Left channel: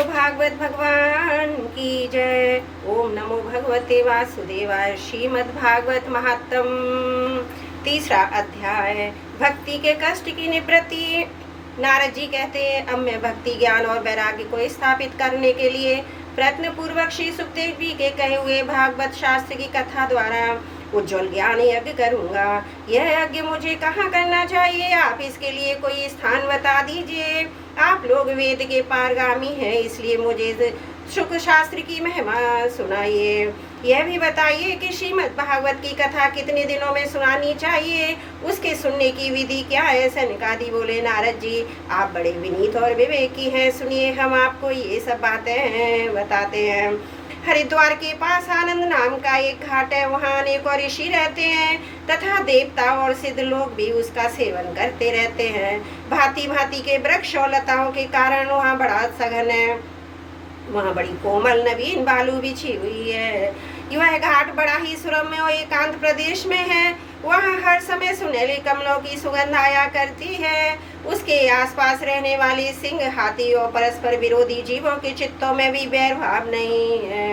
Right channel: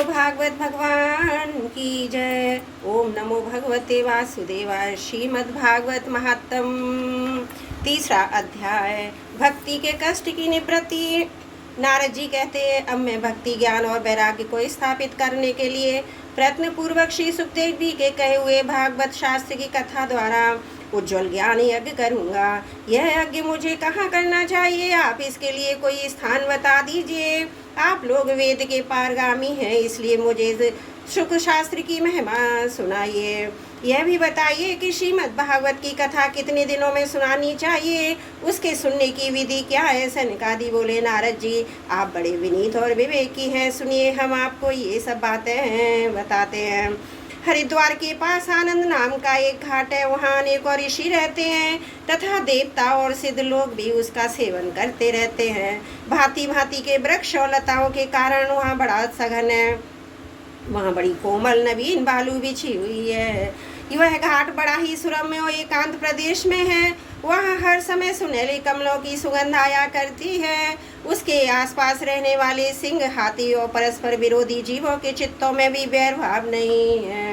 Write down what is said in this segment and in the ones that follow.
बोलो भागवत भगवान की जय। ओम नमो भगवते वासुदेवाय। श्रीमद् भागवत महात्म तीसरा अध्याय, भक्ति के कष्ट की निवृत्ति। नारद जी कहते हैं, अब मैं भक्ति ज्ञान और वैराग्य को स्थापित करने के लिए प्रयत्न पूर्वक श्री सुखदेव जी के कहे हुए भागवत शास्त्र की कथा द्वारा उज्जवल ज्ञान यज्ञ करूंगा। यह यज्ञ मुझे कहाँ करना चाहिए? आप इसके लिए कोई स्थान बता दीजिए। आप लोग वेद के पारगामी हैं, इसलिए मुझे शुक शास्त्र की महिमा सुनाइए। यह भी बताइए कि श्रीमद् भागवत की कथा कितने दिनों में सुनानी चाहिए, उसके सुनने की विधि क्या है? सनकादि बोले, नारद जी आप बड़े विनीत और विवेकी हैं, सुनिए हम आपको ये सब बातें बताते हैं। हरिद्वार के पास आनंद नाम का एक घाट है, वहाँ अनेकों ऋषि रहते हैं तथा देवता और सिद्ध लोग भी उसका सेवन करते रहते हैं। भांति भांति के वृक्ष और लताओं के कारण वहाँ बड़ा सघन है। वहाँ बड़ी कोमल नवीन बालू बिछी हुई है। यह घाट बड़ा ही सुरम्य और एकांत प्रदेश में है। वहाँ हर समय सुनहले कमलों की सुगंध आया करती है। उसके आसपास रहने वाले सिंह, हाथी और परस्पर विरोधी जीवों के चित्तों में भी बैर भाव नहीं है।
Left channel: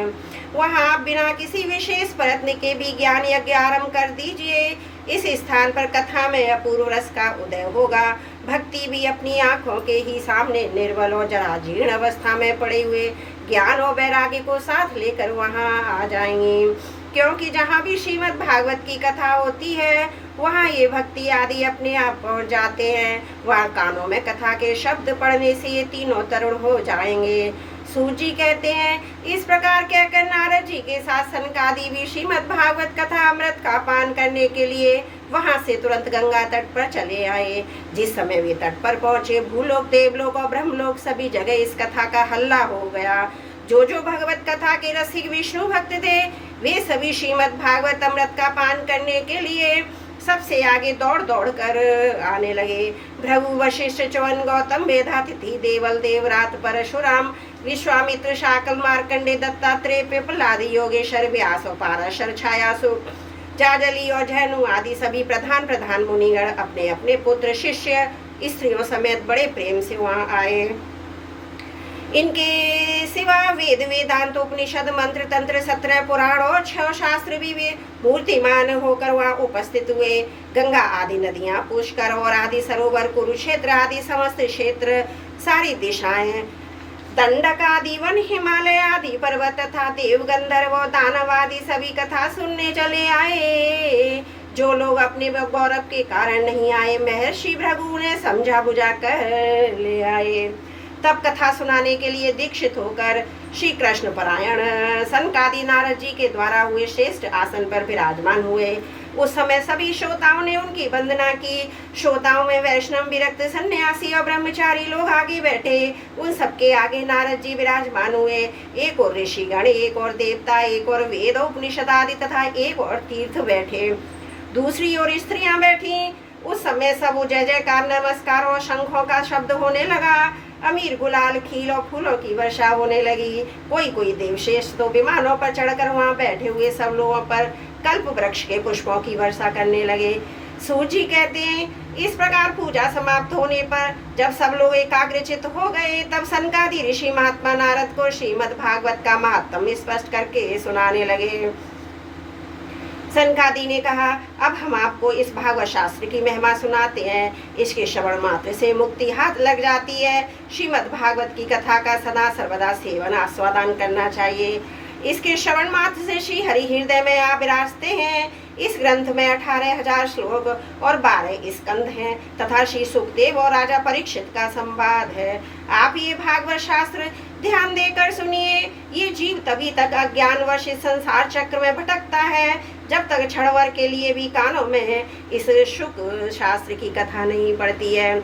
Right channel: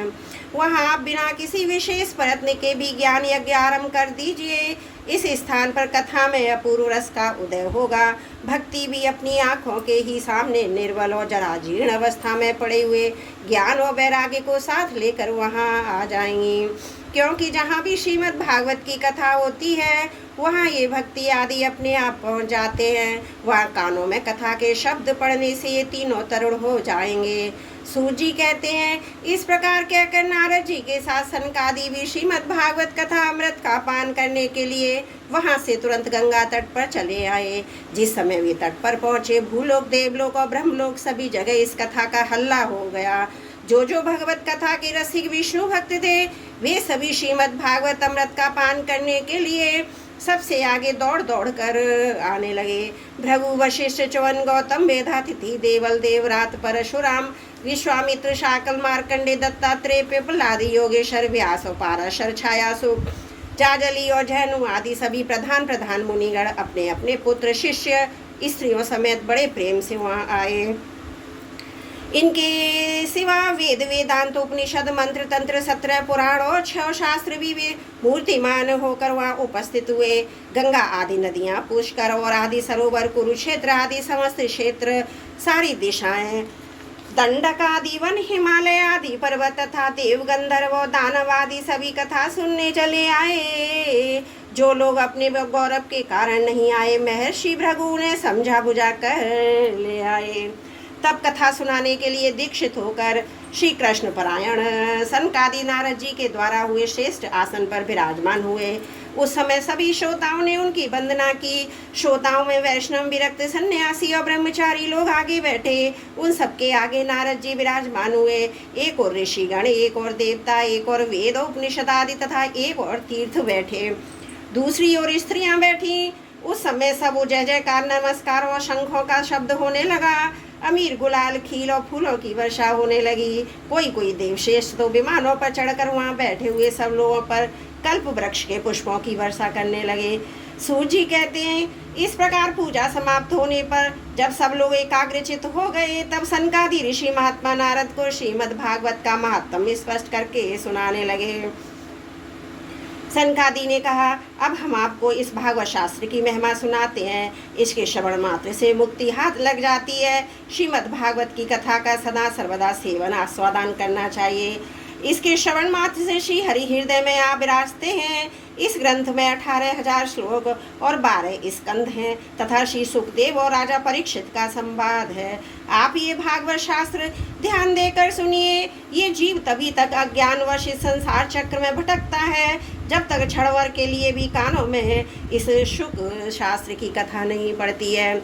वहाँ आप बिना किसी विशेष प्रयत्न के भी ज्ञान यज्ञ आरंभ कर दीजिए। इस स्थान पर कथा में अपूर्व रस का उदय होगा। भक्ति भी अपनी आंखों के ही सामने निर्बल और जराजीर्ण अवस्था में पड़े हुए ज्ञान और वैराग्य को साथ लेकर वहाँ आ जाएंगी। क्योंकि जहाँ भी श्रीमद् भागवत की कथा होती है वहाँ ये भक्ति आदि अपने आप पहुँच जाते हैं। वहाँ कानों में कथा के शब्द पढ़ने से ये तीनों तरुण हो जाएंगे। सूत जी कहते हैं, इस प्रकार कहकर नारद जी के साथ सनकादि भी श्रीमद् भागवत कथा अमृत का पान करने के लिए वहां से तुरंत गंगा तट पर चले आए। जिस समय वे तट पर पहुंचे, भूलोक, देवलोक और ब्रह्मलोक सभी जगह इस कथा का हल्ला हो गया। जो भगवत कथा के रसिक विष्णु भक्त थे, वे सभी श्रीमद् भागवत अमृत का पान करने के लिए सबसे आगे दौड़ दौड़ कर आने लगे। भृगु, वशिष्ठ, च्यवन, गौतम, मेधातिथि, देवल, देवरात, परशुराम, विश्वामित्र, शाकल, मार्कंडे, दत्तात्रेय, पिपलाद, योगेश्वर, व्यास और पाराशर, छायासुर, जाजली और जैनु आदि सभी प्रधान प्रधान मुनिगण अपने अपने पुत्र, शिष्य, स्त्रियों समेत बड़े प्रेम से वहाँ आए। इनके सिवा वेद, वेदांत, उपनिषद, मंत्र, तंत्र, 17 पुराण और 6 शास्त्र भी वे मूर्तिमान होकर वहाँ उपस्थित हुए। गंगा आदि नदियाँ, पुष्कर और आदि सरोवर, कुरुक्षेत्र आदि समस्त क्षेत्र, सारी दिशाएं, दंडक आदि वन, हिमालय आदि पर्वत तथा देव, गंधर्व और दानव आदि सभी कथा सुनने चले आए। जो लोग अपने गौरव के कारण नहीं आए, महर्षि भृगु ने समझा बुझा कर ले आए। तब कथा सुनाने के लिए दीक्षित होकर श्री कृष्ण परायण सनकादि नारद जी के द्वारा हुए श्रेष्ठ आसन पर विराजमान हुए। उस समय सभी श्रोताओं ने उनकी वंदना की। श्रोताओं में वैष्णव, विरक्त, सन्यासी और ब्रह्मचारी लोग आगे बैठे। उन सबके आगे नारद जी विराजमान हुए। एक और ऋषिगण, एक और देवता, एक और वेद, उपनिषद आदि तथा एक और तीर्थ बैठे। दूसरी ओर स्त्रियां बैठी। उस समय सब जय जयकार, नमस्कार और शंखों का शब्द होने लगा। अमीर, गुलाल, खील और फूलों की वर्षा होने लगी। कोई देवश्रेष्ठ तो विमानों पर चढ़कर वहाँ बैठे हुए सब लोगों पर कल्प वृक्ष के पुष्पों की वर्षा करने लगे। सूत जी कहते हैं, इस प्रकार पूजा समाप्त होने पर जब सब लोग एकाग्रचित हो गए, तब सनकादि ऋषि महात्मा नारद को श्रीमद् भागवत का महात्म्य स्पष्ट करके सुनाने लगे। सनकादि ने कहा, अब हम आपको इस भागवत शास्त्र की महिमा सुनाते हैं। इसके श्रवण मात्र से मुक्ति हाथ लग जाती है। श्रीमद् भागवत की कथा का सदा सर्वदा सेवन आस्वादन करना चाहिए। इसके श्रवण मात्र से श्री हरि हृदय में आप विराजते हैं। इस ग्रंथ में 18,000 श्लोक और 12 स्कंध हैं तथा श्री सुखदेव और राजा परीक्षित का संवाद है। आप ये भागवत शास्त्र ध्यान देकर सुनिए। ये जीव तभी तक अज्ञानवश इस संसार चक्र में भटकता है जब तक क्षण भर के लिए भी कानों में इस शुक शास्त्र की कथा नहीं पड़ती है।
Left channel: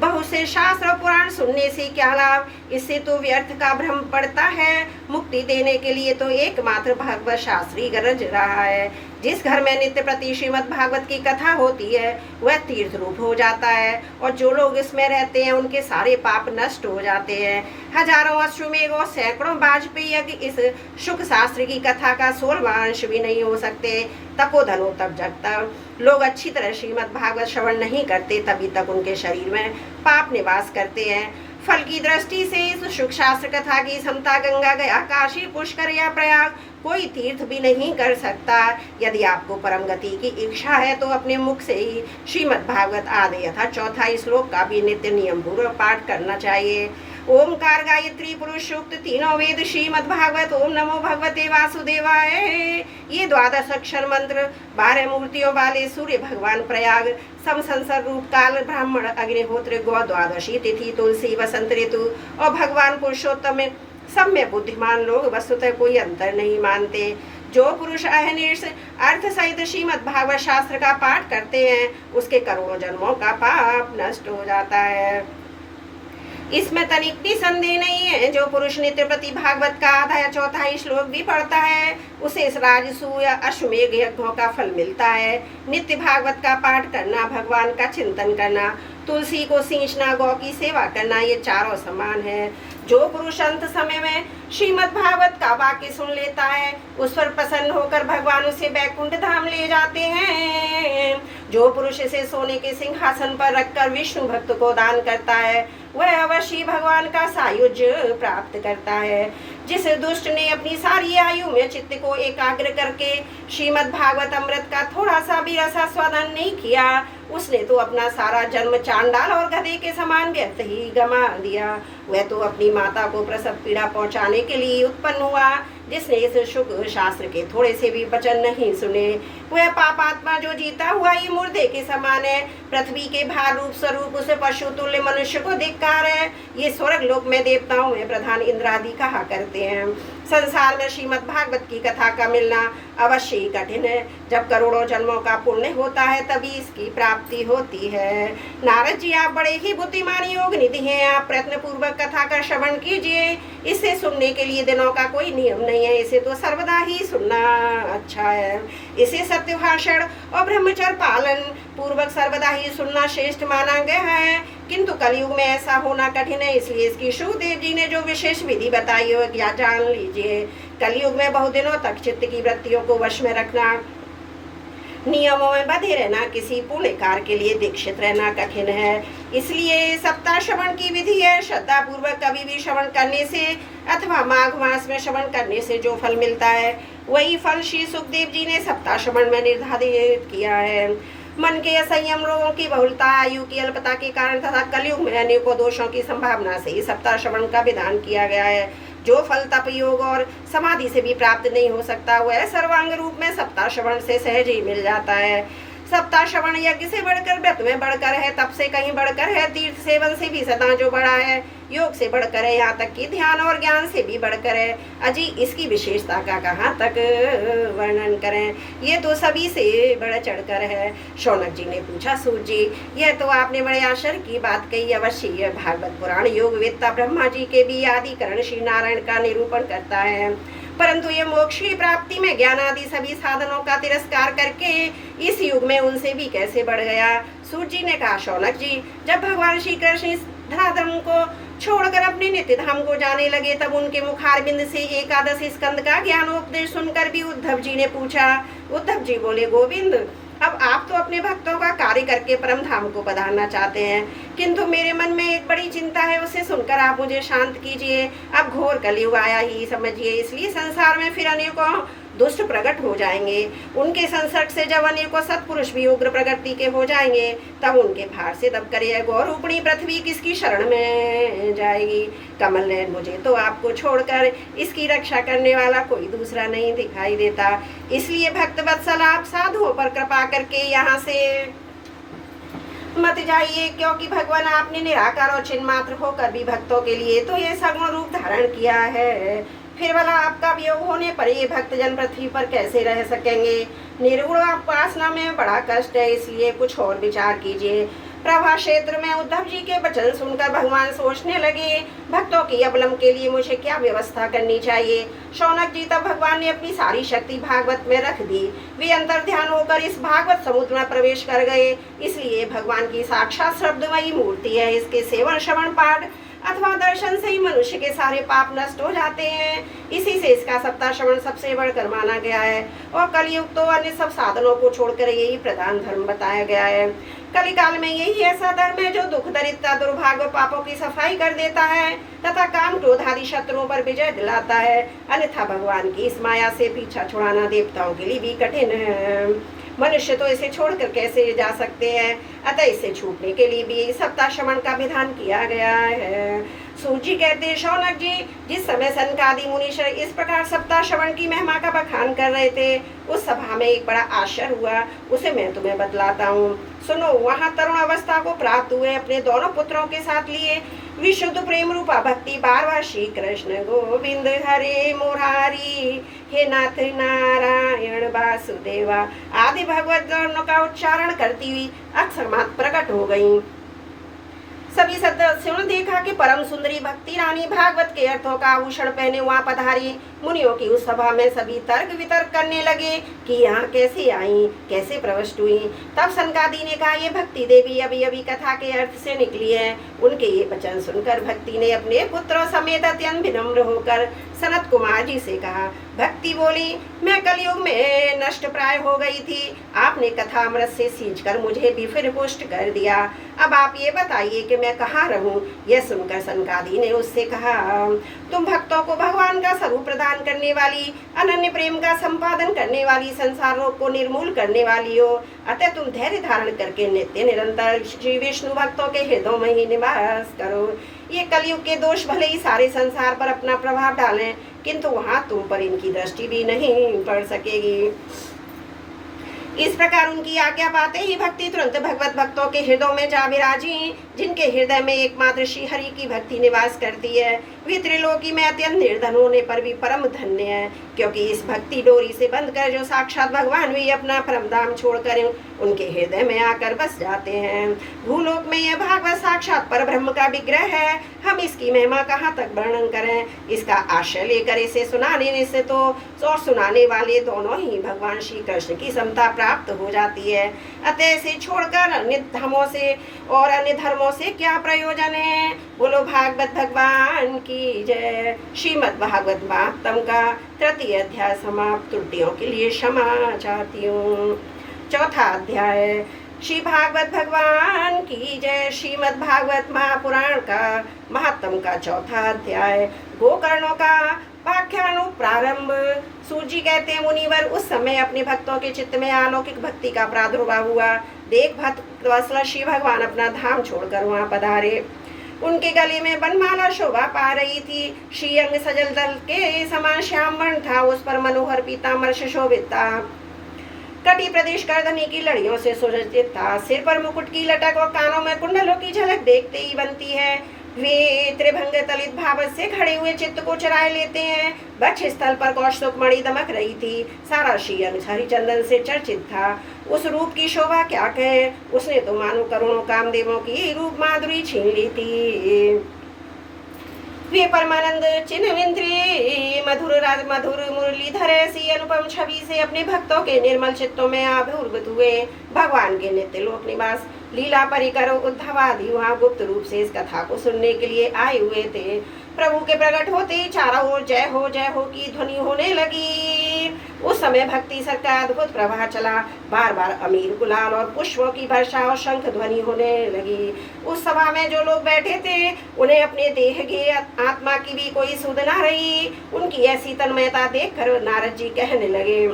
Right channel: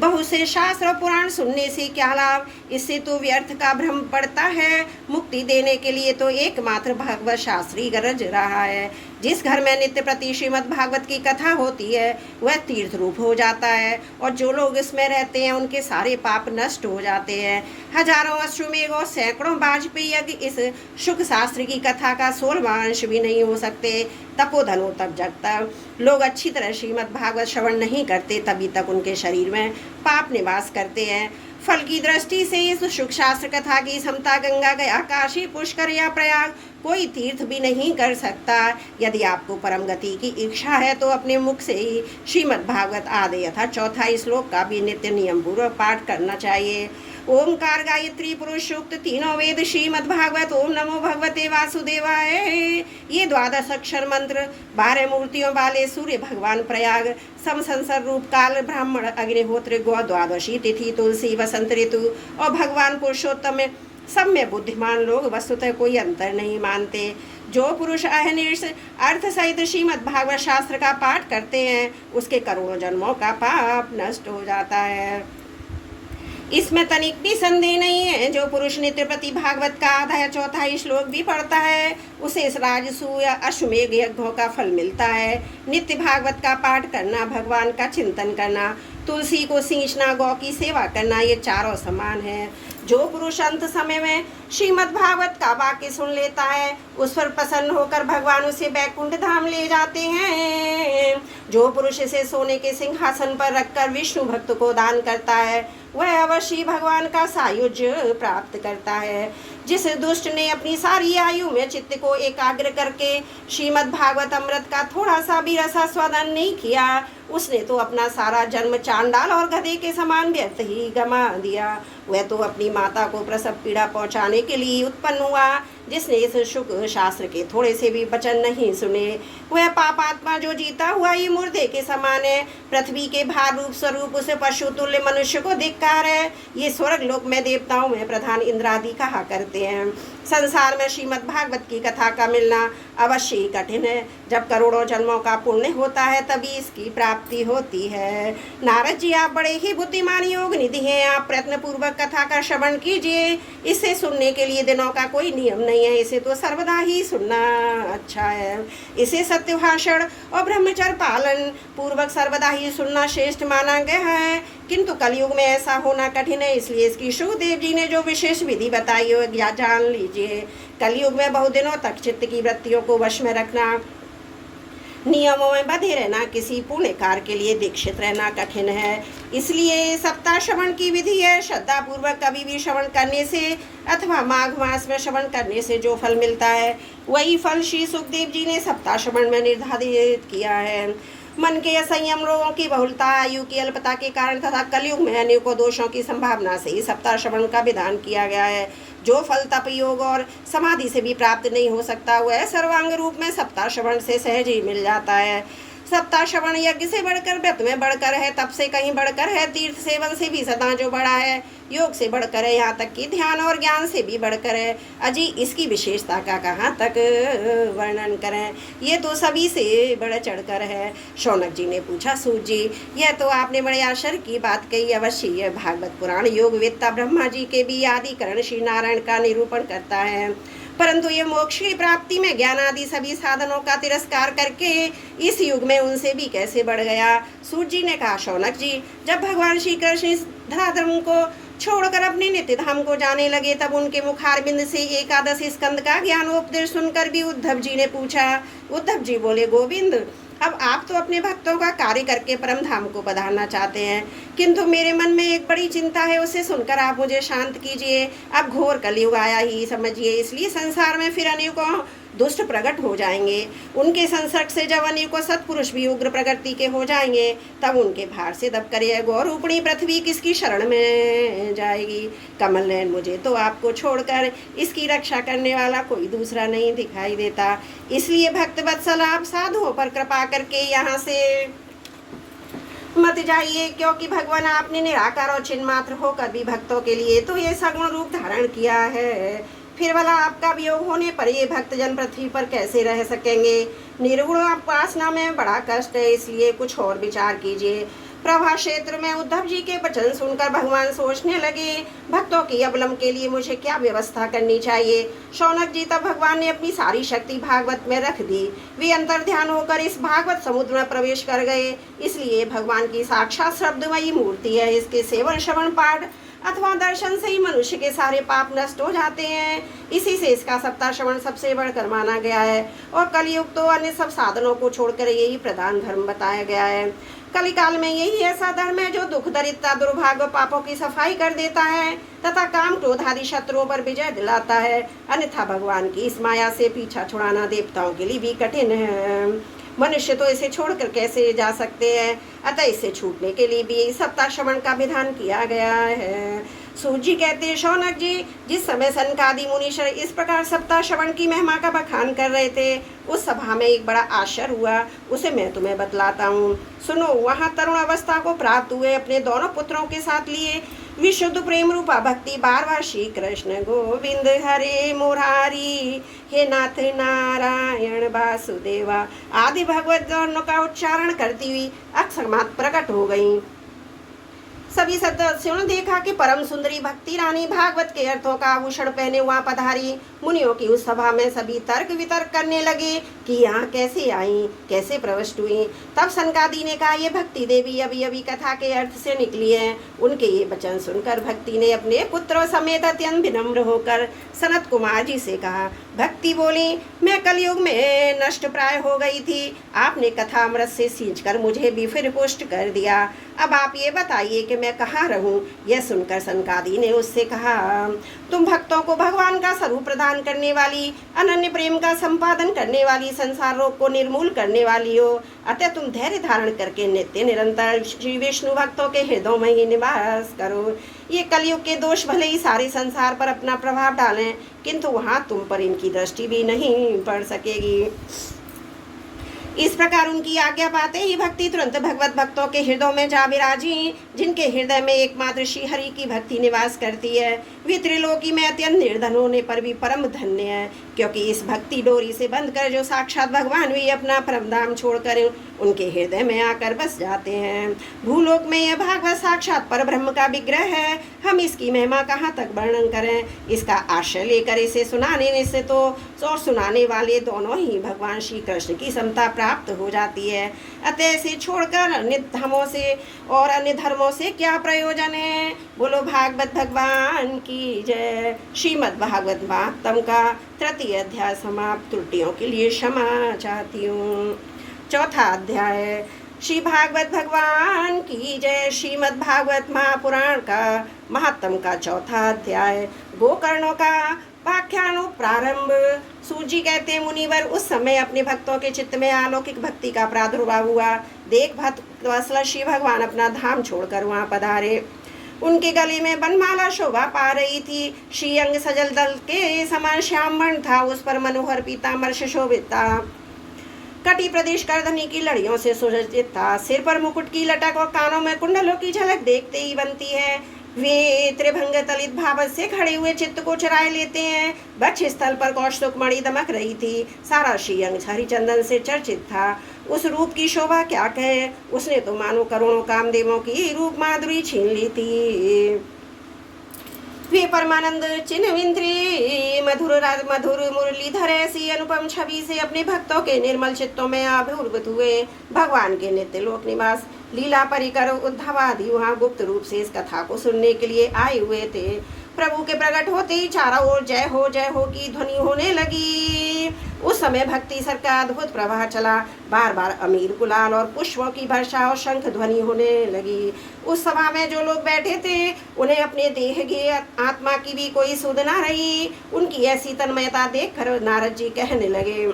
बहुत से शास्त्र पुराण सुनने से क्या लाभ? इससे तो व्यर्थ का भ्रम पड़ता है। मुक्ति देने के लिए तो एकमात्र भागवत शास्त्र ही गरज रहा है। जिस घर में नित्य प्रति श्रीमद् भागवत की कथा होती है वह तीर्थ रूप हो जाता है, और जो लोग इसमें रहते हैं उनके सारे पाप नष्ट हो जाते हैं। हजारों अश्वमेघ और सैकड़ों वाजपेयी यज्ञ इस शुक शास्त्र की कथा का 16वां अंश भी नहीं हो सकते। तपोधनो तप जगता। लोग अच्छी तरह श्रीमद् भागवत श्रवण नहीं करते, तभी तक उनके शरीर में पाप निवास करते हैं। फल की दृष्टि से इस शुक शास्त्र कथा की समता गंगा गया, काशी, पुष्कर या प्रयाग कोई तीर्थ भी नहीं कर सकता। यदि आपको परम गति की इच्छा है तो अपने मुख से ही श्रीमद् भागवत आदि यथा चौथा श्लोक का भी नित्य नियम पूर्वक पाठ करना चाहिए। ओमकार, गायत्री, पुरुष सूक्त, तीनों वेद, श्रीमद् भागवत, ओम नमो भगवते वासुदेवाय, ये 12 अक्षर मंत्र 12 मूर्तियों वाले सूर्य भगवान प्रयाग, समसंसर रूप काल, ब्राह्मण, अग्निहोत्र, गौ, द्वादशी तिथि, तुलसी, वसंत ऋतु और भगवान पुरुषोत्तम में सब में बुद्धिमान लोग वस्तुतः कोई अंतर नहीं मानते। जो पुरुष अहनिर्ष अर्थ सहित श्रीमद् भागवत शास्त्र का पाठ करते हैं उसके करोड़ों जन्मों का पाप नष्ट हो जाता है। इसमें तनिक भी संदेह नहीं है। जो पुरुष नित्य प्रति भागवत का आधा या चौथा श्लोक भी पढ़ता है उसे इस राजसूय अश्वमेघ यज्ञों का फल मिलता है। नित्य भागवत का पाठ करना, भगवान का चिंतन करना, तुलसी को सींचना, गौ की सेवा करना, ये चारों समान है। जो पुरुष अंत समय में श्रीमद् भागवत का वाक्य सुन लेता है उस पर प्रसन्न होकर भगवान उसे बैकुंठ धाम ले जाते हैं। जो पुरुष इसे सोने के सिंहासन पर रखकर विष्णु भक्त को दान करता है वह अवश्य भगवान का सायुज्य प्राप्त करता है। जिस दुष्ट ने अपनी सारी आयु में चित्त को एकाग्र करके श्रीमद् भागवत अमृत का थोड़ा सा भी रसास्वादन नहीं किया उसने तो अपना सारा जन्म चांडाल और गधे के समान व्यर्थ ही गमा दिया। वह तो अपनी माता को प्रसव पीड़ा पहुंचाने के लिए उत्पन्न हुआ। जिसने इस शुक शास्त्र के थोड़े से भी वचन नहीं सुने वह पापात्मा जो जीता हुआ ये मुर्दे के समान है। पृथ्वी के भार रूप स्वरूप उसे पशु तुल्य मनुष्य को धिक्कार है। ये स्वर्ग लोक में देवताओं में प्रधान इंद्रादि कहा करते हैं। संसार में श्रीमद् भागवत की कथा का मिलना अवश्य ही कठिन है। जब करोड़ों जन्मों का पुण्य होता है तभी इसकी प्राप्ति होती है। नारद जी, आप बड़े ही बुद्धिमान योग निधि हैं। आप प्रयत्न पूर्वक कथा का श्रवण कीजिए। इसे सुनने के लिए दिनों का कोई नियम नहीं है, इसे तो सर्वदा ही सुनना अच्छा है। इसे सत्य भाषण और ब्रह्मचर्य पालन पूर्वक सर्वदा ही सुनना श्रेष्ठ माना गया है। किंतु कलयुग में ऐसा होना कठिन है, इसलिए इसकी शुकदेव जी ने जो विशेष विधि बताई है वह जान लीजिए। कलयुग में बहुदिनों तक चित्त की वृत्तियों को वश में रखना, नियमों में बंधे रहना, किसी पुण्य कार्य के लिए दीक्षित रहना कठिन है। इसलिए सप्ताह श्रवण की विधि है। श्रद्धा पूर्वक कभी भी श्रवण करने से अथवा माघ मास में श्रवण करने से जो फल मिलता है वही फल श्री सुखदेव जी ने सप्ताह श्रवण में निर्धारित किया है। मन के असंयम, रोगों की बहुलता, आयु की अल्पता के कारण तथा कलयुग में अनेकों दोषों की संभावना से ही सप्ताह श्रवण का विधान किया गया है। जो फल तप, योग और समाधि से भी प्राप्त नहीं हो सकता वह सर्वांग रूप में सप्ताह श्रवण से सहज ही मिल जाता है। सप्ताह श्रवण यज्ञ से बढ़कर, व्रत में बढ़कर है, तप से कहीं बढ़कर है, तीर्थ सेवन से भी सदा जो बड़ा है, योग से बढ़कर है, यहाँ तक कि ध्यान और ज्ञान से भी बढ़कर है। अजी इसकी विशेषता का कहाँ तक वर्णन करें, ये तो सभी से बढ़ चढ़कर है। शौनक जी ने पूछा, सूत जी यह तो आपने बड़े आश्चर्य की बात कही। अवश्य यह भागवत पुराण योग वेत्ता ब्रह्मा जी के भी आदिकरण श्री नारायण का निरूपण करता है। परंतु ये मोक्ष की प्राप्ति में ज्ञान आदि सभी साधनों का तिरस्कार करके इस युग में उनसे भी कैसे बढ़ गया। सूत जी ने कहा, शौनक जी जब भगवान श्री कृष्ण इस धराधर्म को छोड़कर अपने नित्य धाम को जाने लगे तब उनके मुखारबिंद से 11 स्कंद का ज्ञानोपदेश सुनकर भी उद्धव जी ने पूछा। उद्धव जी बोले, गोविंद अब आप तो अपने भक्तों का कार्य करके परम धाम को पधारना चाहते हैं, किंतु मेरे मन में एक बड़ी चिंता है, उसे सुनकर आप मुझे शांत कीजिए। अब घोर कलयुग आया ही समझिए, इसलिए संसार में फिर अनेकों दुष्ट प्रकट हो जाएंगे। उनके संसर्ग से जब अनेकों सत्पुरुष भी उग्र प्रकृति के हो जाएंगे तब उनके भार से दब कर यह गौरूपणी पृथ्वी किसकी शरण में जाएगी। कमल नयन, मुझे तो आपको छोड़कर इसकी रक्षा करने वाला कोई दूसरा नहीं दिखाई देता। इसलिए भक्त वत्सल आप साधुओं पर कृपा करके यहाँ से मत जाइए, क्योंकि भगवान आपने निराकार और चिन्ह मात्र होकर भी भक्तों के लिए तो ये सगुण रूप धारण किया है। फिर वाला आपका वियोग होने पर ये भक्तजन पृथ्वी पर कैसे रह सकेंगे। निर्गुण उपासना में बड़ा कष्ट है, इसलिए कुछ और विचार कीजिए। प्रभा क्षेत्र में उद्धव जी के वचन सुनकर भगवान सोचने लगे, भक्तों की अवलंब के लिए मुझे क्या व्यवस्था करनी चाहिए। शौनक जी, तब भगवान ने अपनी सारी शक्ति भागवत में रख दी। वे अंतर ध्यान होकर इस भागवत समुद्र में प्रवेश कर गए। इसलिए भगवान की साक्षात शब्दमयी मूर्ति है। इसके सेवन श्रवण पाठ अथवा दर्शन से ही मनुष्य के सारे पाप नष्ट हो जाते हैं। इसी से इसका सप्ताह श्रवण सबसे बढ़कर माना गया है और कलयुग तो अन्य सब साधनों को छोड़कर यही प्रधान धर्म बताया गया है। कलिकाल में यही ऐसा धर्म है जो दुख, दरिद्रता, दुर्भाग्य, पापों की सफाई कर देता है तथा काम, क्रोध आदि शत्रुओं पर विजय दिलाता है। अन्यथा भगवान की इस माया से पीछा छुड़ाना देवताओं के लिए भी कठिन है। मनुष्य तो इसे छोड़कर कैसे जा सकते हैं, अतः इससे छूटने के लिए भी सप्ताह श्रवण का विधान किया गया है। सूत जी कहते हैं, शौनक जी, जिस समय सनकादि मुनीश्वर इस प्रकार सप्ताह श्रवण की महिमा का बखान कर रहे थे, उस सभा में एक बड़ा आश्चर्य हुआ, उसे मैं तुम्हें बतलाता हूँ। सुनो, वहाँ तरुण अवस्था को प्राप्त हुए अपने दोनों पुत्रों के साथ लिए विशुद्ध प्रेम रूपा भक्ति बारवा श्री कृष्ण गोविंद हरे मुरारी, हे नाथ नारायण वासुदेवा आदि भगवत गणों का उच्चारण करती हुई अक्षरमात प्रकट हो गई। सभी सदस्यों ने देखा कि परम सुंदरी भक्ति रानी भागवत के अर्थों का आभूषण पहने वहां पधारी। मुनियों की उस सभा में सभी तर्क वितर्क करने लगे कि यहाँ कैसे आई, कैसे प्रविष्ट हुई। तब सनकादि ने कहा, ये भक्ति देवी अभी अभी कथा के अर्थ से निकली है। उनके ये वचन सुनकर भक्ति ने अपने पुत्रों समेत अत्यंत विनम्र होकर सनत कुमार जी से कहा। भक्ति बोली, मैं कलयुग में नष्ट प्राय हो गई थी, आपने कथा अमृत से सींचकर मुझे भी फिर पुष्ट कर दिया। अब आप ये बताइए कि मैं कहाँ रहूं। यह सुनकर सनकादि ने उससे कहा, तुम भक्तों को भगवान का स्वरूप प्रदान करने वाली, अनन्य प्रेम का संपादन करने वाली, संसार रोग को निर्मूल करने वाली हो, अतः तुम धैर्य धारण करके नित्य निरंतर श्री विष्णु भक्तों के हृदयों में ही निवास करो। ये कलयुग के दोष भले ही सारे संसार पर अपना प्रभाव डालें, किंतु वहां तुम पर इनकी दृष्टि भी नहीं पड़ सकेगी। इस प्रकार उनकी आज्ञा पाते ही भक्ति तुरंत भगवत भक्तों के हृदयों में जा विराजी, जिनके हृदय में एकमात्र श्री हरि की भक्ति निवास करती है। वे त्रिलोकी में अत्यंत निर्धन होने पर भी परम धन्य है, क्योंकि इस भक्ति डोरी से बंधकर जो साक्षात भगवान भी अपना परम धाम छोड़कर उनके हृदय में आकर बस जाते हैं। भूलोक में यह भागवत साक्षात पर ब्रह्म का विग्रह है। हम इसकी महिमा कहाँ तक वर्णन करें। इसका आश्रय लेकर इसे सुनाने से तो और सुनाने वाले दोनों ही भगवान श्री कृष्ण की समता प्राप्त हो जाती है। अतः इसे छोड़कर अन्य धर्मों से और अन्य धर्मों से क्या प्रयोजन है। बोलो भागवत भगवान की जय। श्रीमद् भागवत महात्म का तृतीय अध्याय समाप्त। त्रुटियों के लिए क्षमा चाहती हूँ। चौथा अध्याय। श्री भागवत भगवान की जय। श्रीमद् भागवत महापुराण का महात्म का चौथा अध्याय। गोकर्णों का व्याख्यान प्रारंभ। सूजी कहते हैं, मुनिवर, उस समय अपने भक्तों के चित्त में अलौकिक भक्ति का प्रादुर्भाव हुआ। देख भक्त वत्सल श्री भगवान अपना धाम छोड़कर वहां पधारे। उनके गले में बनमाला शोभा पा रही थी। श्री अंग सजल दल के समान श्याम वर्ण था, उस पर मनोहर पीताम्बर से शोभित था। कटी प्रदेश करधनी की लड़ियों से सुसज्जित था। सिर पर मुकुट की लटक और कानों में कुंडलों की झलक देखते ही बनती है। वे त्रिभंग तलित भावत से खड़े हुए चित्त को चुराए लेते हैं। वक्ष स्थल पर कौस्तुभ मणि दमक रही थी। सारा श्रीअंग हरिचंदन से चर्चित था। उस रूप की शोभा क्या कहे। उसने तो मानो करोड़ों कामदेवों की रूप माधुरी छीन ली थी। वे परमानंद चिन्हविंद्री मधुर राज मधुर मुरलीधर ऐसी अनुपम छवि से अपने भक्तों के निर्मल चित्तों में अभिभूत हुए। भगवान के नित्य लोक निवास लीला परिकर उद्धव आदि वहाँ गुप्त रूप से इस कथा को सुनने के लिए आए हुए थे। प्रभु के प्रकट होते ही चारों ओर जय हो की ध्वनि होने लगी। उस समय भक्ति सर का अद्भुत प्रवाह चला। बार बार अमीर, गुलाल और पुष्पों की वर्षा और शंख ध्वनि होने लगी। उस सभा में जो लोग बैठे थे, उन्हें अपने देह की आत्मा की भी कोई सुध न रही। उनकी ऐसी तन्मयता देखकर नारद जी कहने लगे,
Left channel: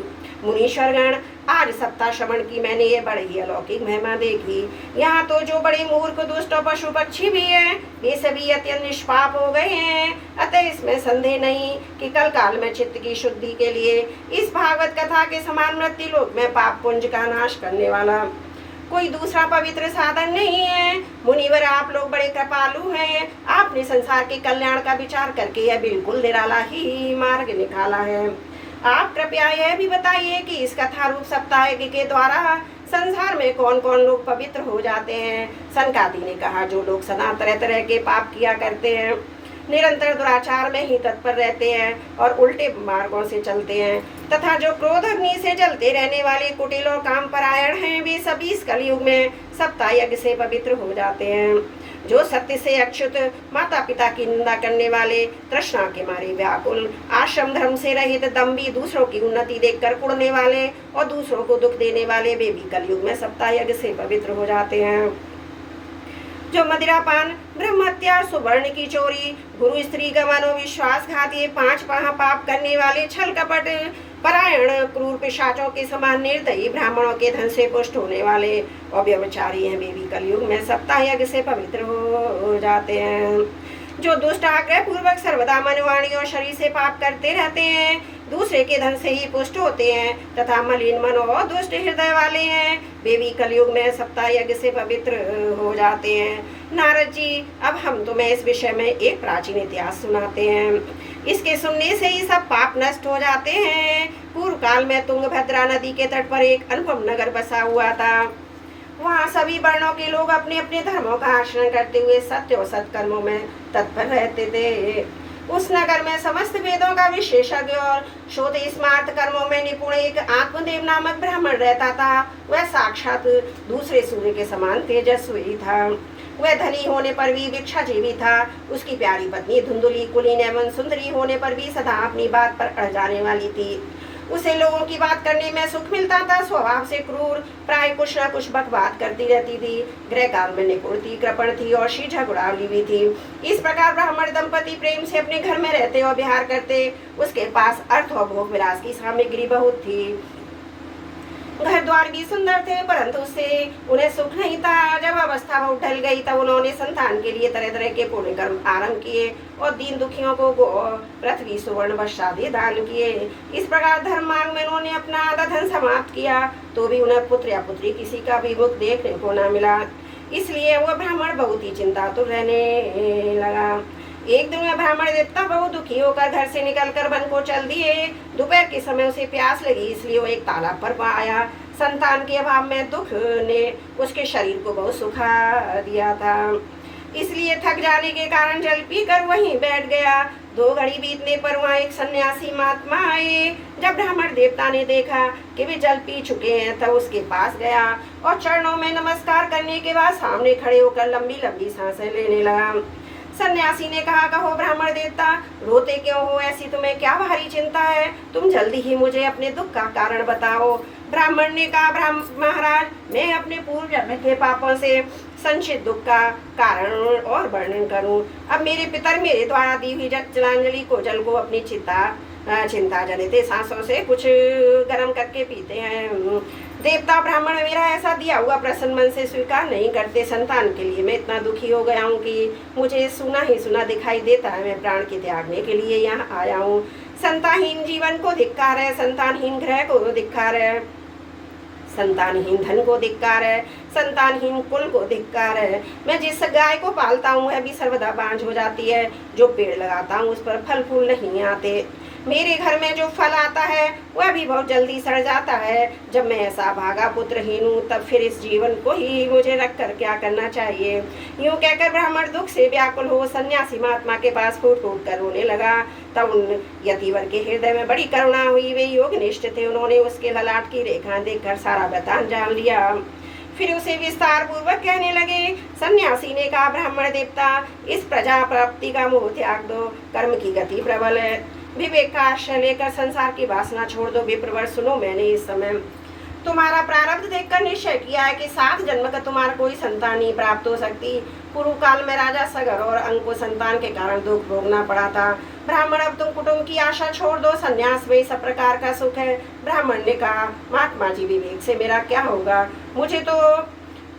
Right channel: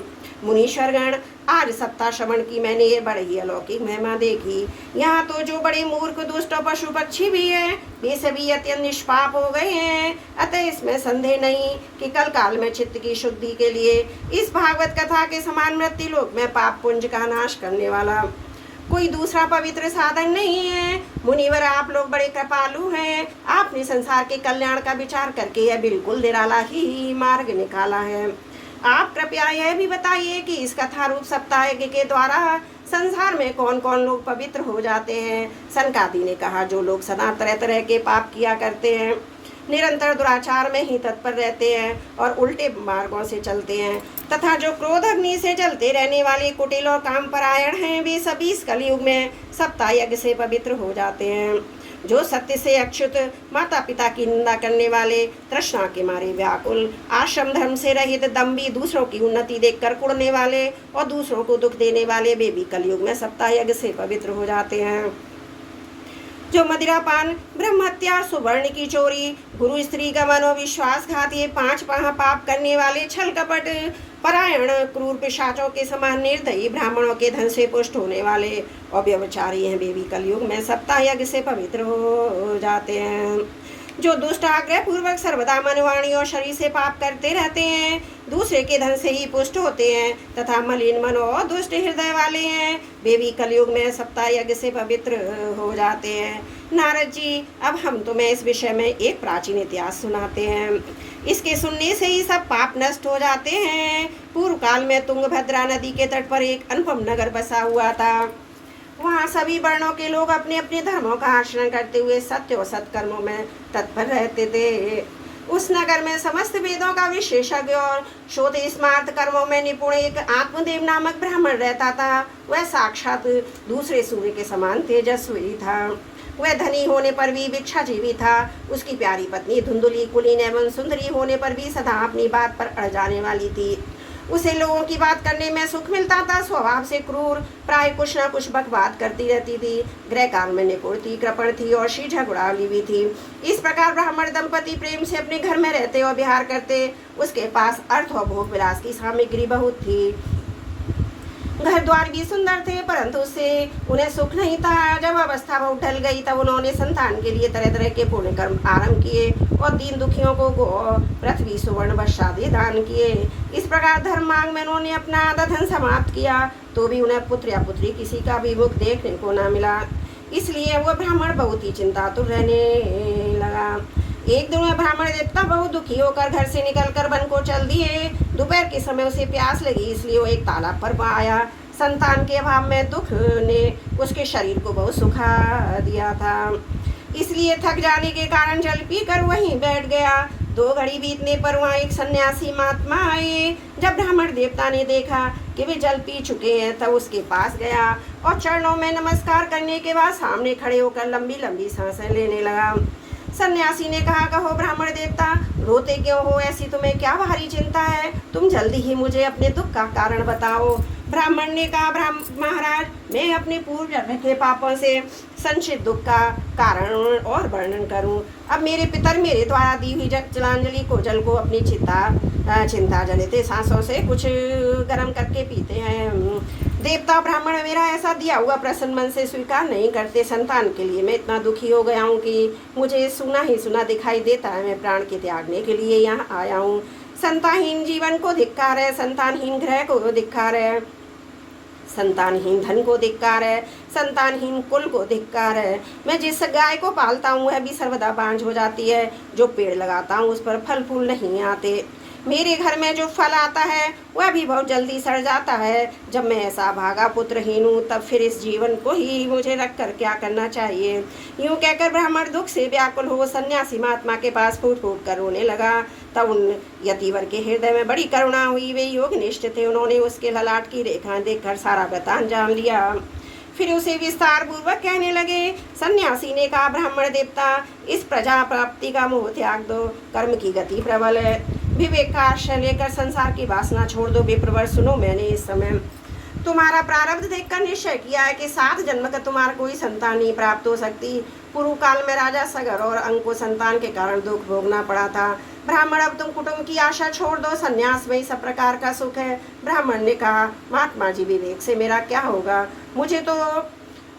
मुनीश्वरगण, आज सप्ताह श्रवण की मैंने ये बड़ी अलौकिक महिमा देखी। यहाँ तो जो बड़े मूर्ख, दुष्ट और पशु पक्षी भी हैं, वे सभी अत्यंत निष्पाप हो गए हैं। अतः इसमें संदेह नहीं कि कल काल में चित्त की शुद्धि के लिए इस भागवत कथा के समान मृत्यु लोक में पाप पुंज का नाश करने वाला कोई दूसरा पवित्र साधन नहीं है। मुनिवर, आप लोग बड़े कृपालु हैं। आपने संसार के कल्याण का विचार करके यह बिल्कुल निराला ही मार्ग निकाला है। आप कृपया यह भी बताइए कि इस कथा रूप सप्ताह के द्वारा संसार में कौन कौन लोग पवित्र हो जाते हैं। सनकादि ने कहा, जो लोग सदा तरह तरह के पाप किया करते हैं, निरंतर दुराचार में ही तत्पर रहते हैं और उल्टे मार्गों से चलते हैं, तथा जो क्रोध अग्नि से जलते रहने वाले कुटिल और काम परायण हैं, वे सभी इस कलयुग में सप्ताह यज्ञ से पवित्र हो जाते हैं। जो सत्य से अच्युत, माता पिता की निंदा करने वाले, तृष्णा के मारे व्याकुल, आश्रम धर्म से रहित, दम्भी, दूसरों की उन्नति देखकर कुढ़ने वाले और दूसरों को दुख देने वाले, वे भी कलयुग में सप्ताह यज्ञ से पवित्र हो जाते हैं। जो मदिरापान, ब्रह्म हत्या, सुवर्ण की चोरी, गुरु स्त्री का मनोविश्वासघात, ये 5 महापाप करने वाले, छल कपट परायण, क्रूर पिशाचों के समान निर्दयी, ब्राह्मणों के धन से पुष्ट होने वाले और व्यभिचारी हैं, वे भी कलयुग में सप्ताह यज्ञ से पवित्र हो जाते हैं। जो दुष्ट आग्रह पूर्वक सर्वदा मन, वाणी और शरीर से पाप करते रहते हैं, दूसरे के धन से ही पुष्ट होते हैं तथा मलिन मन और दुष्ट हृदय वाले हैं, वे भी कलयुग में सप्ताह यज्ञ से पवित्र हो जाते हैं। नारद जी, अब हम तुम्हें इस विषय में एक प्राचीन इतिहास सुनाते हैं। इसके सुनने से ही सब पाप नष्ट हो जाते हैं। पूर्व काल में तुंगभद्रा नदी के तट पर एक अनुपम नगर बसा हुआ था। वहाँ सभी वर्णों के लोग अपने अपने धर्मों का आचरण करते हुए सत्य और सत्कर्मों में तत्पर रहते थे। उस नगर में समस्त वेदों का विशेषज्ञ और शोध स्मार्त कर्मों में निपुण एक आत्मदेव नामक ब्राह्मण रहता था। वह साक्षात दूसरे सूर्य के समान तेजस्वी था। वह धनी होने पर भी भिक्षाजीवी था। उसकी प्यारी पत्नी धुंधुली, कुलीन एवं सुंदरी होने पर भी सदा अपनी बात पर अड़ जाने वाली थी। उसे लोगों की बात करने में सुख मिलता था। स्वभाव से क्रूर, प्राय कुछ न कुछ बकबात करती रहती थी। गृह काल में निपुण थी, कृपण थी और शीझा गुड़ावली भी थी। इस प्रकार ब्राह्मण दंपति प्रेम से अपने घर में रहते और विहार करते। उसके पास अर्थ और भोग विलास की सामग्री बहुत थी। घर द्वार भी सुंदर थे, परंतु उससे उन्हें सुख नहीं था। जब अवस्था बहुत ढल गई तब उन्होंने संतान के लिए तरह तरह के पुण्य कर्म आरंभ किए और दीन दुखियों को गो, पृथ्वी, सुवर्ण, वस्त्र आदि दान किए। इस प्रकार धर्म मार्ग में उन्होंने अपना आधा धन समाप्त किया, तो भी उन्हें पुत्र या पुत्री किसी का भी मुख देखने को न मिला। इसलिए वह ब्राह्मण बहुत ही चिंतातुर रहने लगा। एक दिन वह ब्राह्मण देवता बहुत दुखी होकर घर से निकलकर वन को चल दिए। दोपहर के समय उसे प्यास लगी, इसलिए वो एक तालाब पर आया। संतान के अभाव में दुख ने उसके शरीर को बहुत सुखा दिया था, इसलिए थक जाने के कारण जल पीकर वहीं बैठ गया। 2 घड़ी बीतने पर वहाँ एक सन्यासी महात्मा आए। जब ब्राह्मण देवता ने देखा कि वे जल पी चुके हैं, तब उसके पास गया और चरणों में नमस्कार करने के बाद सामने खड़े होकर लंबी लंबी सांसें लेने लगा। सन्यासी ने कहा, कहो ब्राह्मण देवता, रोते क्यों हो? ऐसी तुम्हें क्या भारी चिंता है? तुम जल्दी ही मुझे अपने दुख का कारण बताओ। ब्राह्मण ने कहा, महाराज, मैं अपने पूर्व जन्म के पापों से संचित दुख का कारण और वर्णन करूं। अब मेरे पितर मेरे द्वारा दी हुई जलांजलि को जल को अपनी चिंता जनित सांसों से कुछ गर्म करके पीते हैं। देवता ब्राह्मण मेरा ऐसा दिया हुआ प्रसन्न मन से स्वीकार नहीं करते। संतान के लिए मैं इतना दुखी हो गया हूँ कि मुझे सुना ही सुना दिखाई देता है। मैं प्राण के त्यागने के लिए यहाँ आया हूँ। संतानहीन जीवन को धिक्कार है, संतानहीन ग्रह को धिक्कार है, संतानहीन धन को धिक्कार है, संतानहीन कुल को धिक्कार है। मैं जिस गाय को पालता हूँ वह भी सर्वदा बांझ हो जाती है। जो पेड़ लगाता हूँ उस पर फल फूल नहीं आते। मेरे घर में जो फल आता है वह भी बहुत जल्दी सड़ जाता है। जब मैं ऐसा भागा पुत्रहीन हूँ, तब फिर इस जीवन को ही मुझे रख कर क्या करना चाहिए? यूं कहकर ब्राह्मण दुख से व्याकुल हो सन्यासी महात्मा के पास फूट फूट कर रोने लगा। तब उन यतिवर के हृदय में बड़ी करुणा हुई। वे योगनिष्ठ थे। उन्होंने उसके ललाट की रेखाएं देखकर सारा वृतांत जान लिया। फिर उसे विस्तार पूर्वक कहने लगे। सन्यासी ने कहा, ब्राह्मण देवता, इस प्रजा प्राप्ति का मोह त्याग दो। कर्म की गति प्रबल है। विवेक का आश्रय लेकर संसार की वासना छोड़ दो। विप्रवर, सुनो, मैंने इस समय तुम्हारा प्रारब्ध देखकर निश्चय किया है कि 7 जन्म का तुम्हारा कोई संतान नहीं प्राप्त हो सकती। पूर्व काल में राजा सगर और अंग को संतान के कारण दुख भोगना पड़ा था। ब्राह्मण, अब तुम कुटुंब की आशा छोड़ दो। संन्यास में सब प्रकार का सुख है। ब्राह्मण ने कहा, महात्मा जी, विवेक से मेरा क्या होगा? मुझे तो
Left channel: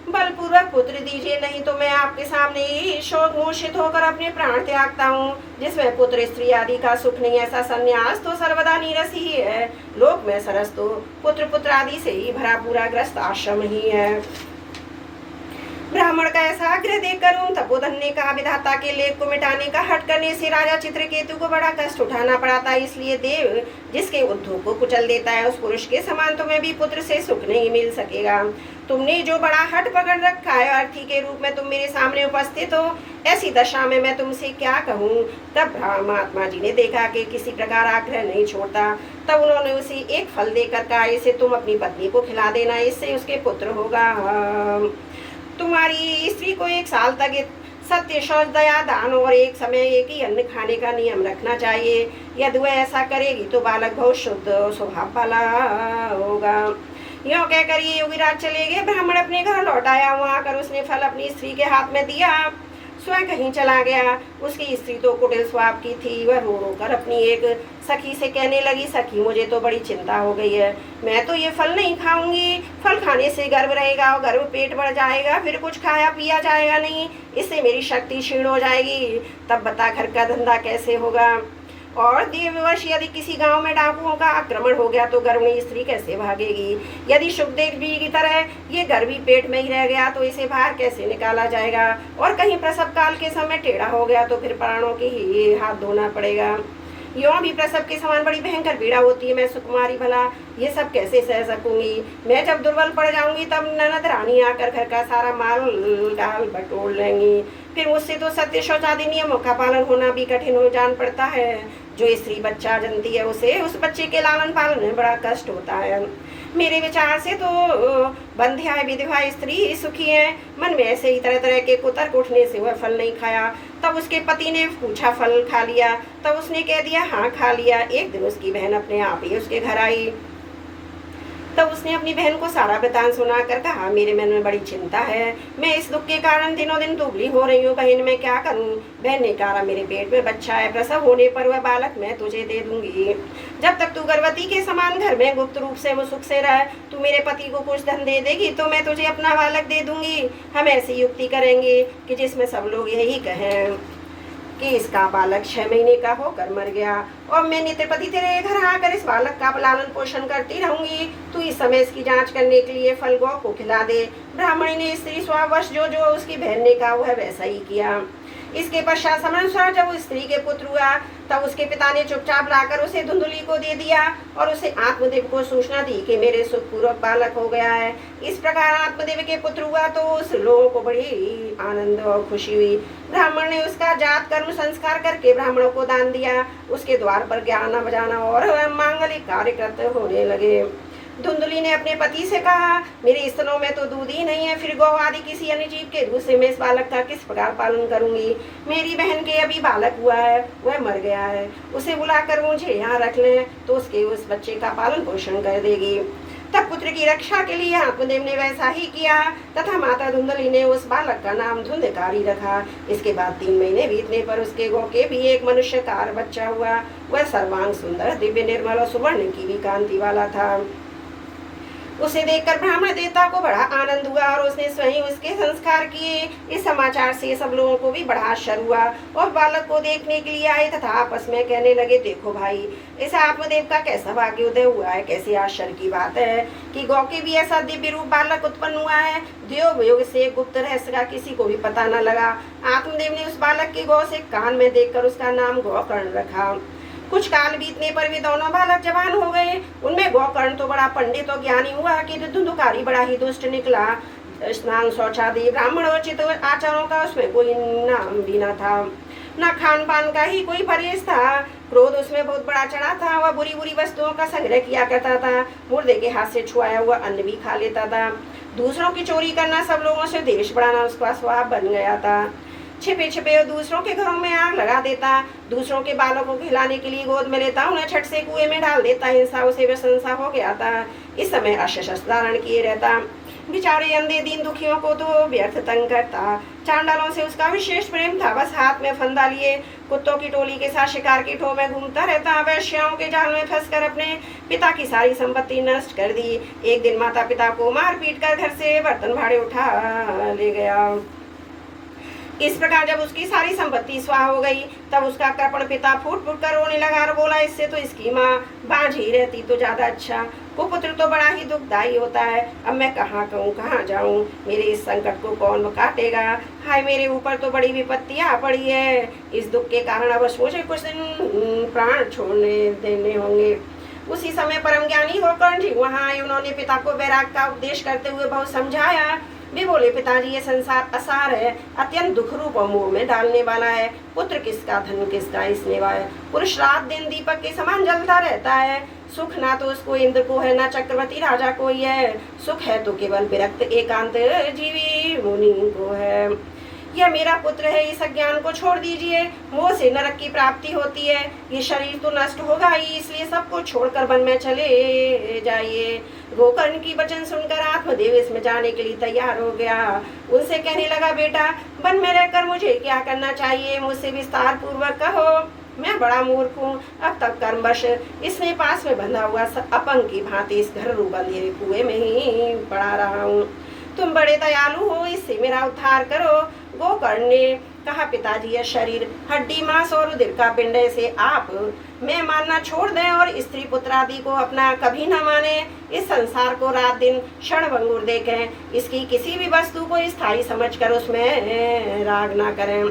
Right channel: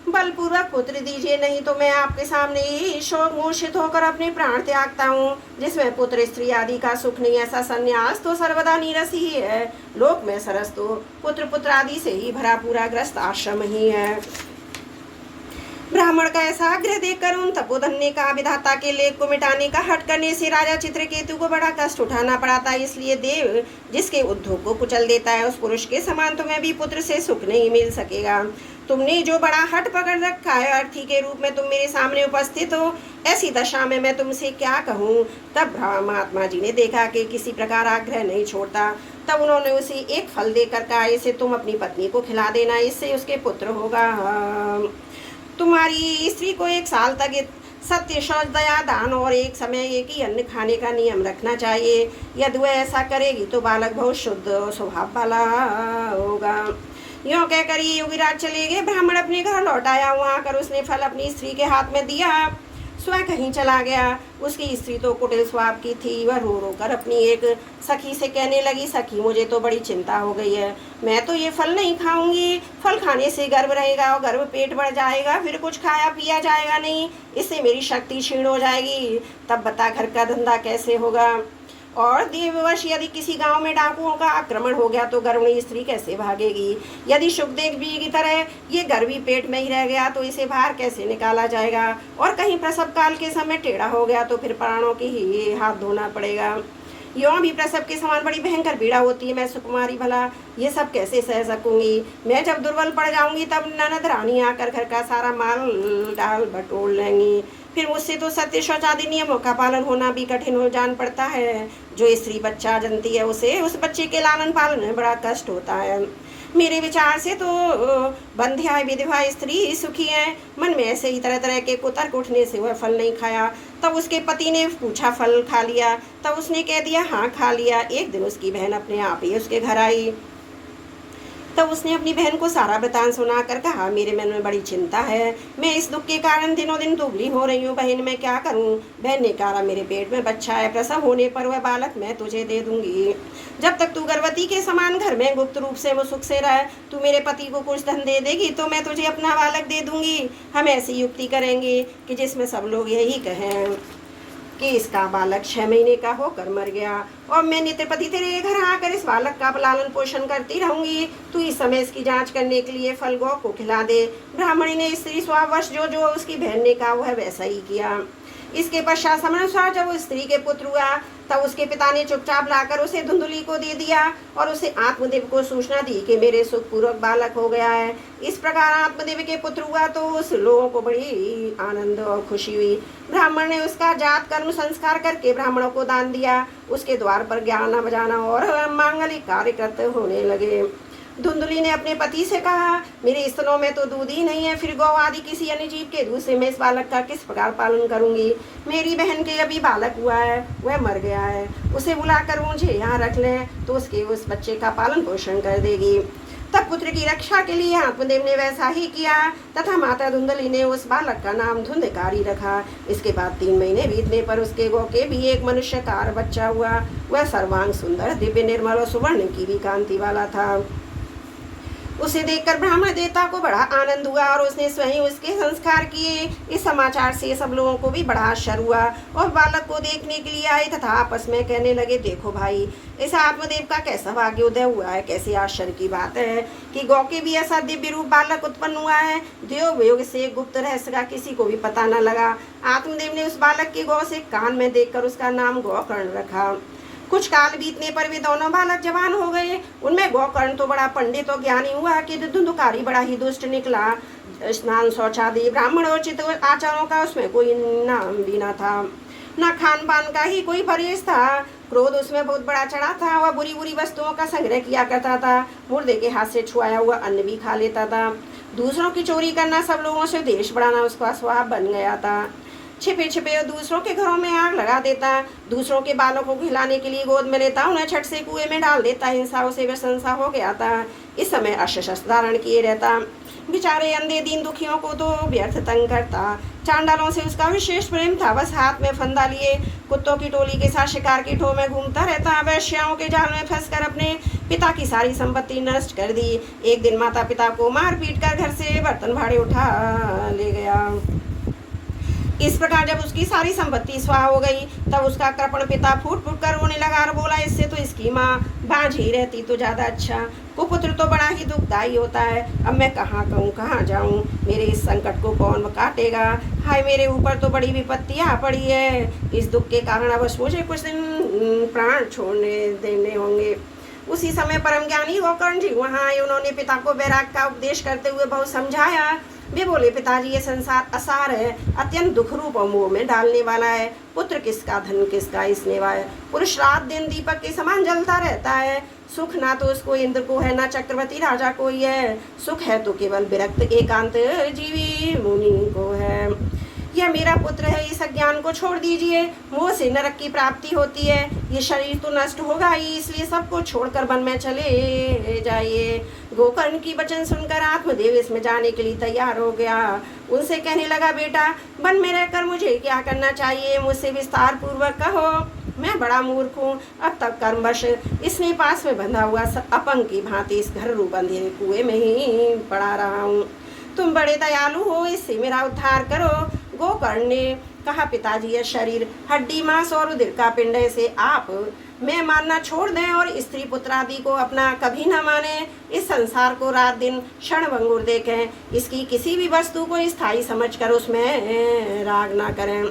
बलपूर्वक पुत्र दीजिए, नहीं तो मैं आपके सामने ही शोक मूर्छित होकर अपने प्राण त्यागता हूँ। जिसमें पुत्र स्त्री आदि का सुख नहीं, ऐसा संन्यास तो सर्वदा नीरस ही है। लोक में सरस तो पुत्र पुत्र आदि से ही भरा पूरा ग्रस्त आश्रम ही है। ब्राह्मण का ऐसा आग्रह देखकर उन तपोधन ने कहा, विधाता के लेख को मिटाने का हट करने से राजा चित्रकेतु को बड़ा कष्ट उठाना पड़ा था। इसलिए देव जिसके उद्योग को कुचल देता है, उस पुरुष के समान तुम्हें भी पुत्र से सुख नहीं मिल सकेगा। तुमने जो बड़ा हट पकड़ रखा है, अर्थी के रूप में तुम मेरे सामने उपस्थित हो, ऐसी दशा में मैं तुमसे क्या कहूँ? तब महात्मा जी ने देखा कि किसी प्रकार आग्रह नहीं छोड़ता। तब उन्होंने उसे एक फल देकर कहा, इसे तुम अपनी पत्नी को खिला देना, इससे उसके पुत्र होगा। तुम्हारी स्त्री को 1 साल तक सत्य, शौच, दया, दान और एक समय एक ही अन्न खाने का नियम रखना चाहिए। यदि वह ऐसा करेगी तो बालक बहुत शुद्ध स्वभाव वाला होगा। यों कहकर ये योगीराज चले गए। ब्राह्मण अपने घर लौट आया। वहां आकर उसने फल अपनी स्त्री के हाथ में दिया, स्वयं कहीं चला गया। उसकी स्त्री तो कुटिल स्वभाव की थी। वह रो रो कर अपनी एक सखी से कहने लगी, सखी मुझे तो बड़ी चिंता हो गई है, मैं तो ये फल नहीं खाऊंगी। फल खाने से गर्भ रहेगा और गर्भ पेट बढ़ जाएगा, फिर कुछ खाया पिया जाएगा नहीं, इससे मेरी शक्ति क्षीण हो जाएगी। तब बता घर का धंधा कैसे होगा। और देववश यदि किसी गांव में डाकुओं का आक्रमण हो गया तो गर्भिणी स्त्री कैसे भागेगी। यदि सुखदेव जी की तरह ये गर्भी पेट में ही रह गया तो इसे बाहर कैसे निकाला जाएगा। और कहीं प्रसव काल के समय टेढ़ा हो गया तो फिर प्राणों की ही हाथ धोना पड़ेगा। यों भी प्रसव के समान बड़ी भयंकर पीड़ा होती है। मैं सुकुमारी भला ये सब कैसे सह सकूंगी। मैं जब दुर्बल पड़ जाऊंगी तब ननद रानी आकर घर का सारा माल डाल बटोर लेंगी। फिर मुझसे तो सत्य शौच आदि नियमों का पालन होना भी कठिन हो जान पड़ता है। जो स्त्री बच्चा जनती है उसे उस बच्चे के लालन पालन में बड़ा कष्ट होता है। मेरे विचार से तो बंध्या विधवा स्त्री सुखी है। मन में ऐसे ही तरह तरह के कुतर्क उठने से वह फल नहीं खाया। तब उसके पति ने पूछा फल खा लिया। तब उसने कह दिया हाँ खा लिया। एक दिन उसकी बहन अपने आप ही उसके घर आई। तब उसने अपनी बहन को सारा वृतांत सुनाकर कहा, मेरे मन में बड़ी चिंता है, मैं इस दुख के कारण दिनों दिन दुबली हो रही हूँ। बहन मैं क्या करूँ। बहन ने कहा, मेरे पेट में बच्चा है, प्रसव होने पर वह बालक मैं तुझे दे दूंगी। जब तक तू गर्भवती के समान घर में गुप्त रूप से वो सुख से रह, तू मेरे पति को कुछ धन दे देगी तो मैं तुझे अपना बालक दे दूंगी। हम ऐसी युक्ति करेंगे कि जिसमें सब लोग यही कहें कि इसका बालक 6 महीने का होकर मर गया और मैं नित्यपति तेरे घर आकर इस बालक का लालन पोषण करती रहूंगी। तू इस समय इसकी जांच करने के लिए फल गौ को खिला दे। ब्राह्मणी ने स्त्री स्ववश जो जो उसकी बहन ने कहा वह वैसा ही किया। इसके पश्चात समयानुसार जब उस स्त्री के पुत्र हुआ तब उसके पिता ने चुपचाप लाकर उसे धुंधुली को दे दिया और उसे आत्मदेव को सूचना दी कि मेरे सुखपूर्वक बालक हो गया है। इस प्रकार आत्मदेव के पुत्र हुआ तो उस लोगों को बड़ी आनंद और खुशी हुई। ब्राह्मण ने उसका जात कर्म संस्कार करके ब्राह्मणों को दान दिया। उसके द्वार पर गाना बजाना और मांगलिक कार्य करते होने लगे। धुंधुली ने अपने पति से कहा, मेरे स्तनों में तो दूध ही नहीं है, फिर गौ आदि किसी अन्य जीव के दूध से मैं इस बालक का किस प्रकार पालन करूंगी। मेरी बहन के अभी बालक हुआ है, वह मर गया है, उसे बुलाकर मुझे यहाँ रख लें तो उस बच्चे का पालन पोषण कर देगी। तब पुत्र की रक्षा के लिए आत्मदेव ने वैसा ही किया तथा माता धुंधली ने उस बालक का नाम धुंधकारी रखा। इसके बाद 3 महीने बीतने पर उसके गौ के भी एक मनुष्यकार बच्चा हुआ। वह सर्वांग सुंदर, दिव्य, निर्मल और सुवर्ण की भी कांति वाला था। उसे देखकर ब्राह्मण देवता को बड़ा आनंद हुआ और उसने स्वयं उसके संस्कार किए। इस समाचार से सब लोगों को भी बड़ा आश्चर्य हुआ और बालक को देखने के लिए आए तथा आपस में कहने लगे, देखो भाई, इस आत्मदेव का कैसा भाग्योदय हुआ है। कैसी आश्चर्य की बात है कि गौ के भी ऐसा दिव्य रूप बालक उत्पन्न हुआ है। देव योग से गुप्त रहस्य का किसी को भी पता न लगा। आत्मदेव ने उस बालक के गौ से कान में देखकर उसका नाम गौकर्ण रखा। कुछ काल बीतने पर वे दोनों बालक जवान हो गए। उनमें गौकर्ण तो बड़ा पंडित और ज्ञानी हुआ कि धुंधुकारी बड़ा ही दुष्ट निकला। स्नान शौचादि ब्राह्मणोचित आचारों का उसमें कोई नाम भी न था, न खान पान का ही कोई परहेज था। क्रोध उसमें बहुत बड़ा चढ़ा था। वह बुरी बुरी वस्तुओं का संग्रह किया करता था। मुर्दे के हाथ से छुआया हुआ अन्न भी खा लेता था। दूसरों की चोरी करना, सब लोगों से देश बढ़ाना उसका स्वभाव बन गया था। छिपे छिपे दूसरों के घरों में आग लगा देता। दूसरों के बालों को खिलाने के लिए गोद में लेता, उन्हें छठ से कुएं में डाल देता। हिंसा उसे व्यसनसा हो गया था। इस समय अस्त्र धारण किए रहता। बेचारे अंधे दीन दुखियों को तो व्यर्थ तंग करता। चांडालों से उसका विशेष प्रेम था। बस हाथ में फंदा लिए कुत्तों की टोली के साथ शिकार की ठो में घूमता रहता। वैश्याओं के जाल में फंसकर अपने पिता की सारी संपत्ति नष्ट कर दी। एक दिन माता पिता को मार पीट कर घर से बर्तन भाड़े उठा ले गया। इस प्रकार जब उसकी सारी संपत्ति स्वाह हो गई तब उसका कृपण पिता फूट फूट कर रोने लगा और बोला, इससे तो इसकी माँ बाज ही रहती तो ज्यादा अच्छा। कुपुत्र तो बड़ा ही दुखदायी होता है। अब मैं कहाँ कहूँ, कहाँ जाऊँ। मेरे इस संकट को कौन काटेगा। हाय, मेरे ऊपर तो बड़ी विपत्ति आ पड़ी है। इस दुख के कारण अवश्य मुझे कुछ दिन प्राण छोड़ने देने होंगे। उसी समय परम ज्ञानी गौकर्ण जी वहाँ आए। उन्होंने पिता को वैराग का उपदेश करते हुए बहुत समझाया। वे बोले, पिताजी, ये संसार असार है, अत्यंत दुख रूप और मोह में डालने वाला है। पुत्र किसका, धन किसका, स्नेह है। पुरुष रात दिन दीपक के समान जलता रहता है। सुख ना तो उसको इंद्र को है, ना चक्रवर्ती राजा को है। सुख है तो केवल विरक्त एकांत जीवी मुनि को है। यह मेरा पुत्र है, इस अज्ञान को छोड़ दीजिए, मोह से नरक की प्राप्ति होती है, ये शरीर तो नष्ट होगा ही, इसलिए सबको छोड़कर वन में चले जाइए। गोकर्ण की वचन सुनकर आत्मदेव इसमें जाने के लिए तैयार हो गया। उनसे कहने लगा, बेटा वन में रहकर मुझे क्या करना चाहिए, मुझसे विस्तार पूर्वक कहो, मैं बड़ा मूर्ख हूँ। अब तक कर्मवश इसने पास में बंधा हुआ अपंग की भांति इस घर रूप अंधेरे कुएं में ही पड़ा रहा हूँ। तुम बड़े दयालु हो, इससे मेरा उद्धार करो। गोकर्ण ने कहा, पिताजी यह शरीर हड्डी मांस और रुधिर का पिंड से आप मैं मानना छोड़ दें और स्त्री पुत्र आदि को अपना कभी न माने, इस संसार को रात दिन क्षण भंगुर देखें, इसकी किसी भी वस्तु को स्थायी समझकर उसमें राग न करें,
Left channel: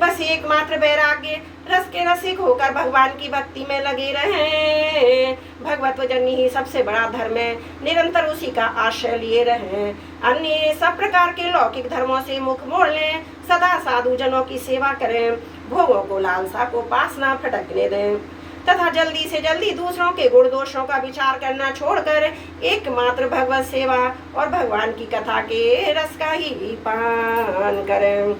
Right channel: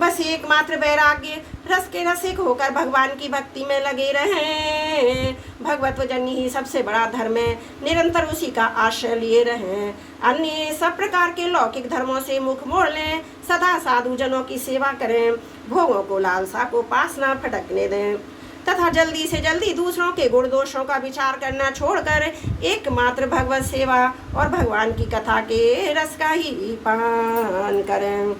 बस एकमात्र वैराग्य रस के रसिक होकर भगवान की भक्ति में लगे रहें। भगवत जननी ही सबसे बड़ा धर्म है, निरंतर उसी का आश्रय लिए रहें। अन्य सब प्रकार के लौकिक धर्मों से मुख मोड़ लें, सदा साधु जनों की सेवा करें, भोगों को लालसा को पास ना फटकने दें, तथा जल्दी से जल्दी दूसरों के गुण दोषों का विचार करना छोड़कर एकमात्र भगवत सेवा और भगवान की कथा के रस का ही पान करें।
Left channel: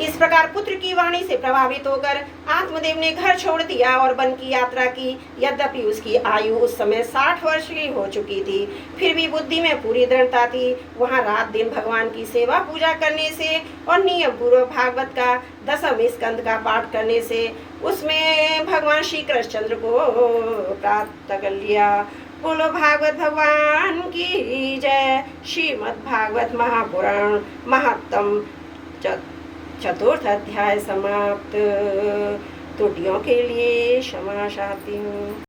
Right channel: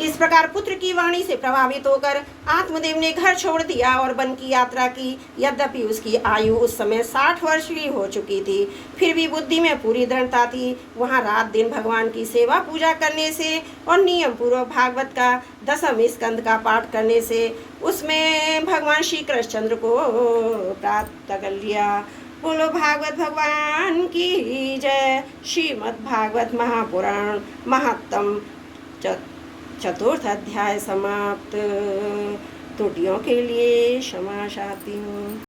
इस प्रकार पुत्र की वाणी से प्रभावित होकर आत्मदेव ने घर छोड़ दिया और वन की यात्रा की। यद्यपि उसकी आयु उस समय 60 वर्ष की हो चुकी थी, फिर भी बुद्धि में पूरी दृढ़ता थी। वहाँ रात दिन भगवान की सेवा पूजा करने से और नियम पूर्वक भागवत का 10वें स्कंद का पाठ करने से उसमें भगवान श्री कृष्णचंद्र को प्राप्त कर लिया। बोलो भागवत भगवान की जय। श्रीमद् भागवत महापुराण महात्म चतुर्थ अध्याय समाप्त। त्रुटियों के लिए क्षमा चाहती हूँ।